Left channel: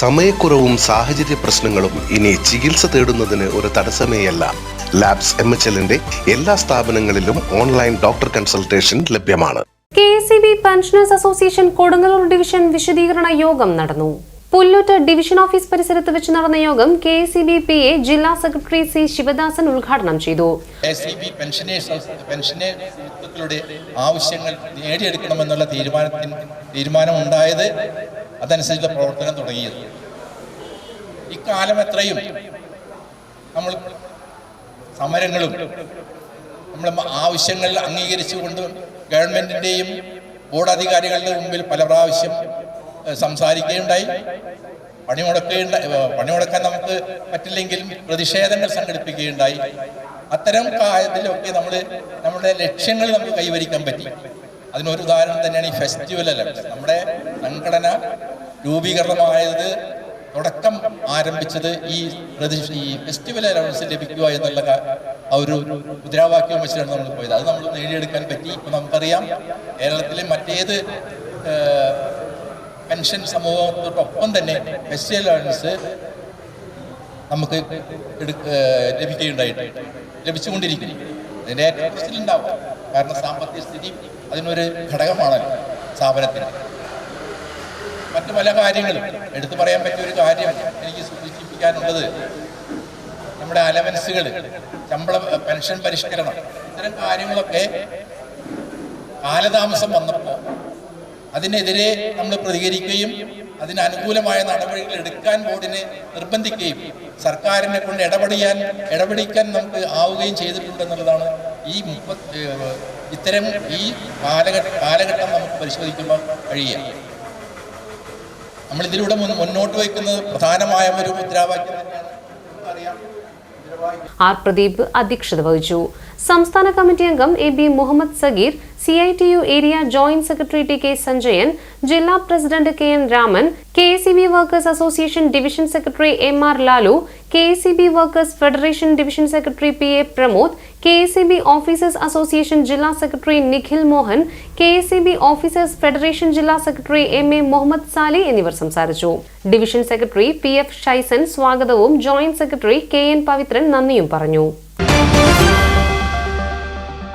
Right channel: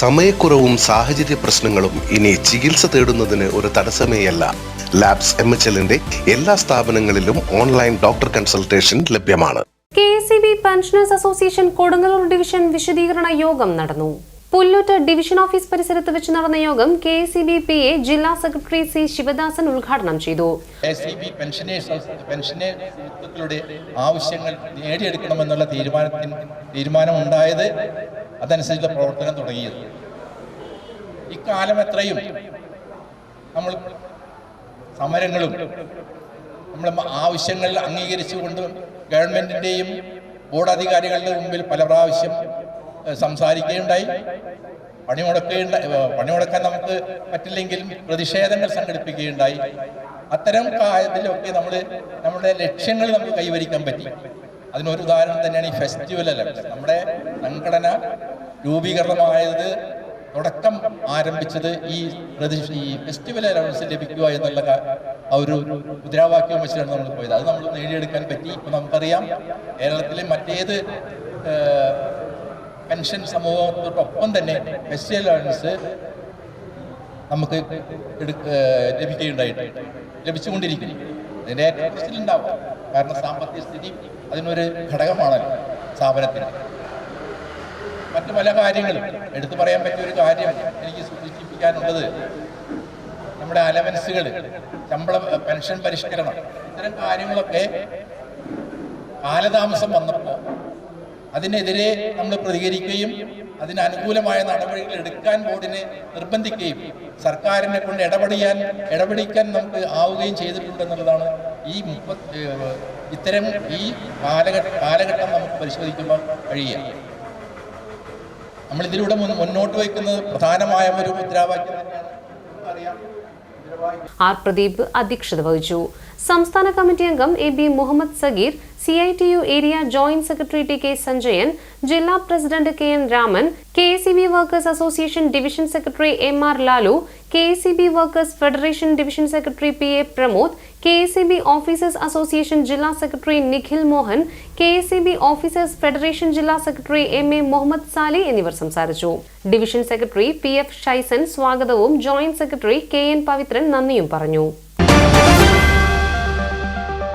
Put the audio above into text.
സമയക്കുറവും സാഹചര്യ പ്രശ്നങ്ങളും ഇനി ചികിത്സ തേടുന്നതിന് ഒരു തടസ്സമേയല്ല. ലാബ്സ് എം എച്ച് എല്ലിന്റെ എല്ലാ സ്ഥാപനങ്ങളിലും ഓൺലൈൻ ഡോക്ടർ കൺസൾട്ടേഷൻ ലഭ്യമാണ്. K S B pensioners association Kodungallur division വിശദീകരണ യോഗം നടന്നു. പുല്ലൂറ്റ് ഡിവിഷൻ ഓഫീസ് പരിസരത്ത് വെച്ച് നടന്ന യോഗം K S B P A ജില്ലാ സെക്രട്ടറി സി ശിവദാസൻ ഉദ്ഘാടനം ചെയ്തു. സി ആവശ്യങ്ങൾ നേടിയെടുക്കണമെന്നുള്ള തീരുമാനത്തിന് തീരുമാനമുണ്ടായത് അതനുസരിച്ചുള്ള പ്രവർത്തനം തുടങ്ങിയത്. ഇക്കാലം എത്രയും നമ്മൾ സമരങ്ങളും നമ്മുടെ ആവശ്യങ്ങൾ അംഗീകരിച്ചുകൊണ്ട് ഗവൺമെന്റിന്റെയും ബോർഡ് അധികാരികളുടെ മുമ്പിൽ പല പ്രാവശ്യം സംസാരിക്കുകയുണ്ടായി. പണിമുടക്കുകയുണ്ടായി പണിമുടക്കാൻ നമുക്ക് പറ്റില്ലെങ്കിലും പ്രതിഷേധങ്ങൾ സംഘടിപ്പിക്കുകയുണ്ടായി. അത്തരം കാര്യത്തിലൊക്കെ നമ്മൾ നമ്മുടെ ലക്ഷ്യങ്ങൾ നമുക്ക് കൈവരിക്കാൻ പറ്റി. അതിനൊരു ഉദാഹരണം തന്നെയാണ് ഈ ഫെസ്റ്റിവൽ അല്ല. നമ്മുടെ സംഘടന രൂപീകരണമായത് തുടക്കം ആരംഭിച്ചത് ഈ ഈ ഫെസ്റ്റിവൽ അലവൻസ് ലഭിക്കുക എന്നുള്ള ആ ഒരു മുദ്രാവാക്യം വെച്ചിട്ടാണ് നമ്മൾ പോയത്. അത് നമ്മൾ നേടിയെടുക്കാൻ പറ്റി. ഇപ്പം നമുക്കറിയാം കേരളത്തിലെ മറ്റേത് പെൻഷൻ സമൂഹത്തോടൊപ്പം തന്നെ ഫെസ്റ്റിവൽ അലവൻസ് നമുക്ക് ലഭിക്കുകയുണ്ടായിട്ടുണ്ട് ലഭിച്ചുകൊണ്ടിരിക്കുന്നു. അതിന്റെ ഏറ്റവും ഉണ്ടാവും. കാരണം സാമ്പത്തിക സ്ഥിതി അതിനൊരു ഘടകമാണല്ലോ സ്ഥാപനത്തിന്. മറ്റു പല കാര്യങ്ങളും. എടുത്തു പറയാൻ പറ്റിയ ഒരു കാര്യം എനിക്ക് സൂചിപ്പിക്കാനുള്ളത്. നമ്മുടെ അലവൻസുകൾ ശമ്പള പെൻഷൻ പരിഷ്കരണം ഇത്തരം കാര്യങ്ങളൊക്കെ കാലതാമസം വന്നപ്പോൾ അതിനെതിരെ നമ്മൾ പ്രതികരിക്കുകയും അതിനനുകൂലമായ നടപടികൾ എടുക്കാൻ ബോർഡിനെ നിർബന്ധിക്കുകയും സർക്കാരിനെ കൊണ്ട് ഇടപെടിയാൻ ഇടപെടിക്കാൻ നമുക്ക് ആവുകയും ചെയ്തിട്ടുണ്ടെന്നുള്ളതാണ് ഈ മുപ്പത്തി ഇത്തരം ഈ കാലഘട്ട കാലഘട്ടം നമുക്ക് പരിശോധിക്കുമ്പോൾ കഴിയുക. നമ്മൾ ഇതിലൂടെ മുന്നോട്ട് വയ്ക്കുന്നത് പ്രധാനമായ ഒരു മുദ്രാവാക്യം ആർ പ്രദീപ് അധ്യക്ഷത വഹിച്ചു. സംസ്ഥാന കമ്മിറ്റി അംഗം A B Muhammad Sageer C I T U area joint secretary T K Sanjayan ജില്ലാ president K N Raman K A C B workers association division secretary M R Lalu K A C B workers federation division secretary P A Pramod K A C B officers association ജില്ലാ secretary Nikhil Mohan K A C B officers federation ജില്ലാ secretary M A Muhammad Sali എന്നിവർ സംസാരിച്ചു. Division secretary P F Shaison സ്വാഗതവും joint secretary K N Pavithran നന്ദിയും പറഞ്ഞു.